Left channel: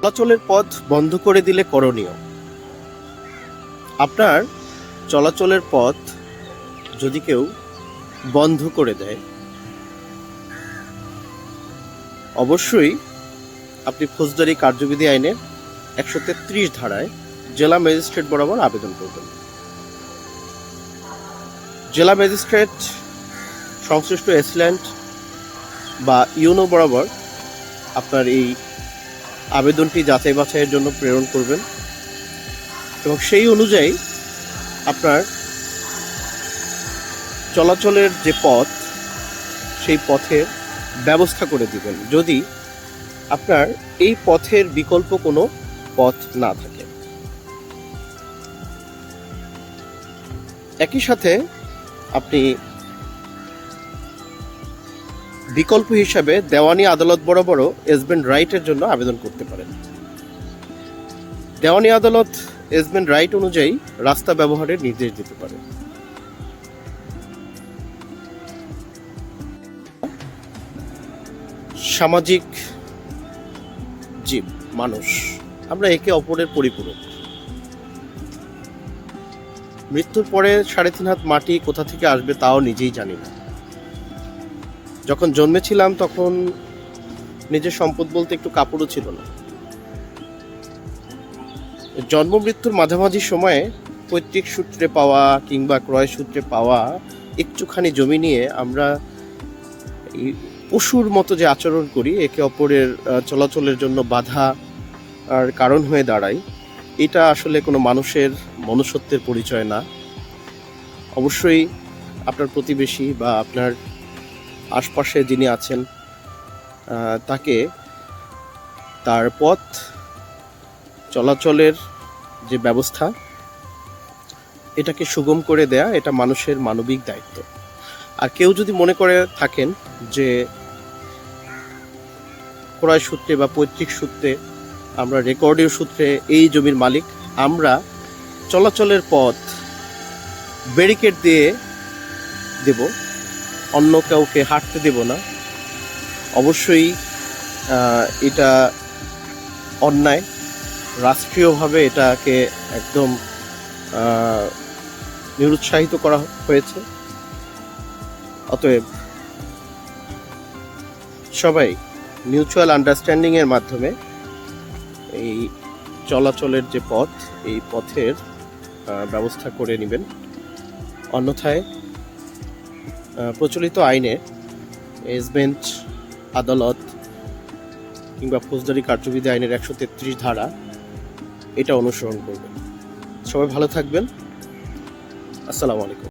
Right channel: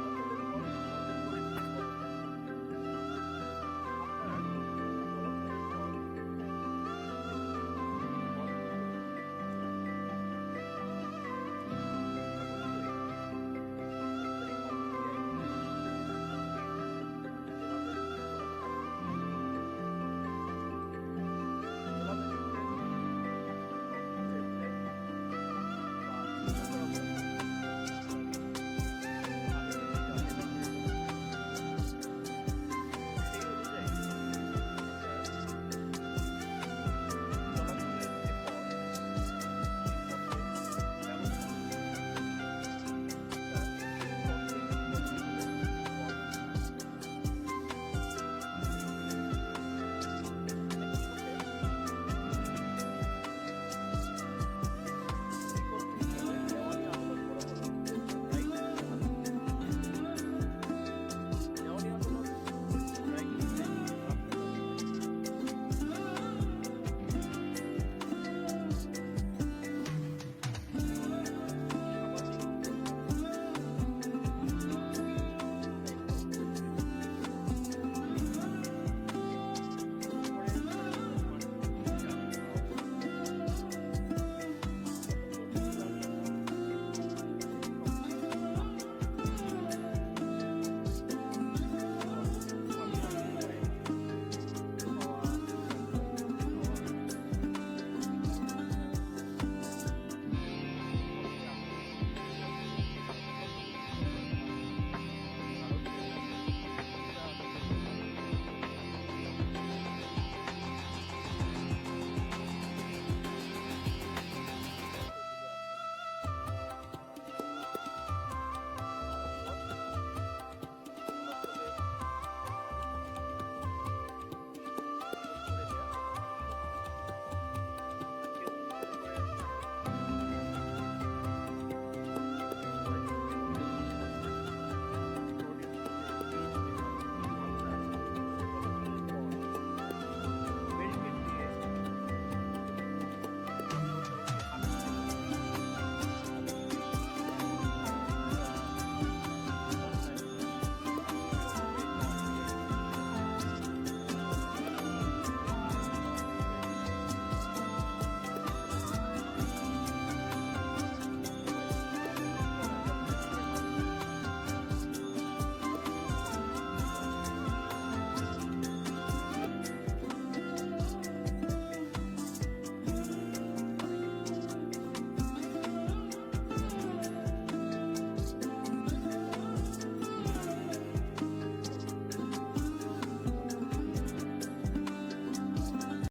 চলাচলের পথ বন্ধ করে দিলে করণীয়। আপনার চলাচলের পথ যদি কেউ বন্ধ করে দেয়, অবশ্যই আপনি ফৌজদারি কার্যবিধি আইনের 133 ধারায় জেলা ম্যাজিস্ট্রেট বরাবর আবেদন করবেন। জেলা ম্যাজিস্ট্রেট সংশ্লিষ্ট এসিল্যান্ট বা ইউনো বরাবর আপনার এই আবেদনটি যাচাই বাছাইয়ের জন্য প্রেরণ করবেন এবং সেই অনুযায়ী আপনার চলাচলের যে পথ সেই পথের ব্যবস্থা করে দিবেন, যদি আপনার এই পথের বিকল্প কোনো পথ না থাকে। একই সাথে আপনি বিকল্প হিসাবে দেওয়ানি আদালত বরাবরও এসবেন্ড রাইটের জন্য আবেদন করতে পারেন। দেওয়ানি আদালত এসবেন্ড রাইট অনুযায়ী রাস্তা ব্যবহারের নির্দেশ দিতে পারে। সামাজিক জীব মানুষ, আমরা একে অপরের পরিপূরক। মৃত্যুর পরে 3.5 হাত মাটি কোথা থেকে আসবে তাও নিজেই জানি না। যখন জন্মেছিলাম তখন নিজের সম্পদ বলতে একটু কাপড়ও ছিল না। জন্ম মৃত্যুর মাঝামাঝি সময়ে পৈতৃক সূত্রে পাওয়া কিংবা ক্রয় সূত্রে পাওয়া একটুখানি জমি নিয়ে আমরা পশুর মতো যে আচরণ করি, একে অপরের চলাচলের জন্য বাধা আর কারণ হয়ে দাঁড়ায়, এটা আসলে কোনো মানুষের মনুষ্যত্বের পরিচয় না। অবশ্যই আপনার প্রতিবেশী বা আপনার আশপাশে যিনি আছেন তাকে তার পথ চলাচলের যে ব্যবস্থা এটাকে সুগম করে দেয়া, এটা মানুষের মানবিক দায়িত্ব। আর কেউ যদি মনে করে থাকেন যে ক্রয় সূত্রে বা পৈতৃক সূত্রে, আমরা রেকর্ডীয় সূত্রে এই জমির মালিক, আমরা চলাচলের পথ ব্যারিকেড দিয়ে দেব, অন্য কাউকে হাঁটতে দেব না, অবশ্যই এটা অন্যায়। রাষ্ট্রীয়ভাবে এটাকে একদম নিরুৎসাহিত করা হয়েছে। অতএব সবাই মিউচুয়াল আন্ডারস্ট্যান্ডিং এর মাধ্যমে এই চলাচলের যে পথ, এই পথের ব্যবস্থা করে নেবেন। অন্যথায় প্রচলিত আইনে এসবেন্ড আদালত কিংবা ফৌজদারি কার্যবিধি আইনের 133 ধারা এটা অনুসরণ করবেন। সবাই ভালো থাকবেন। আসসালামু আলাইকুম।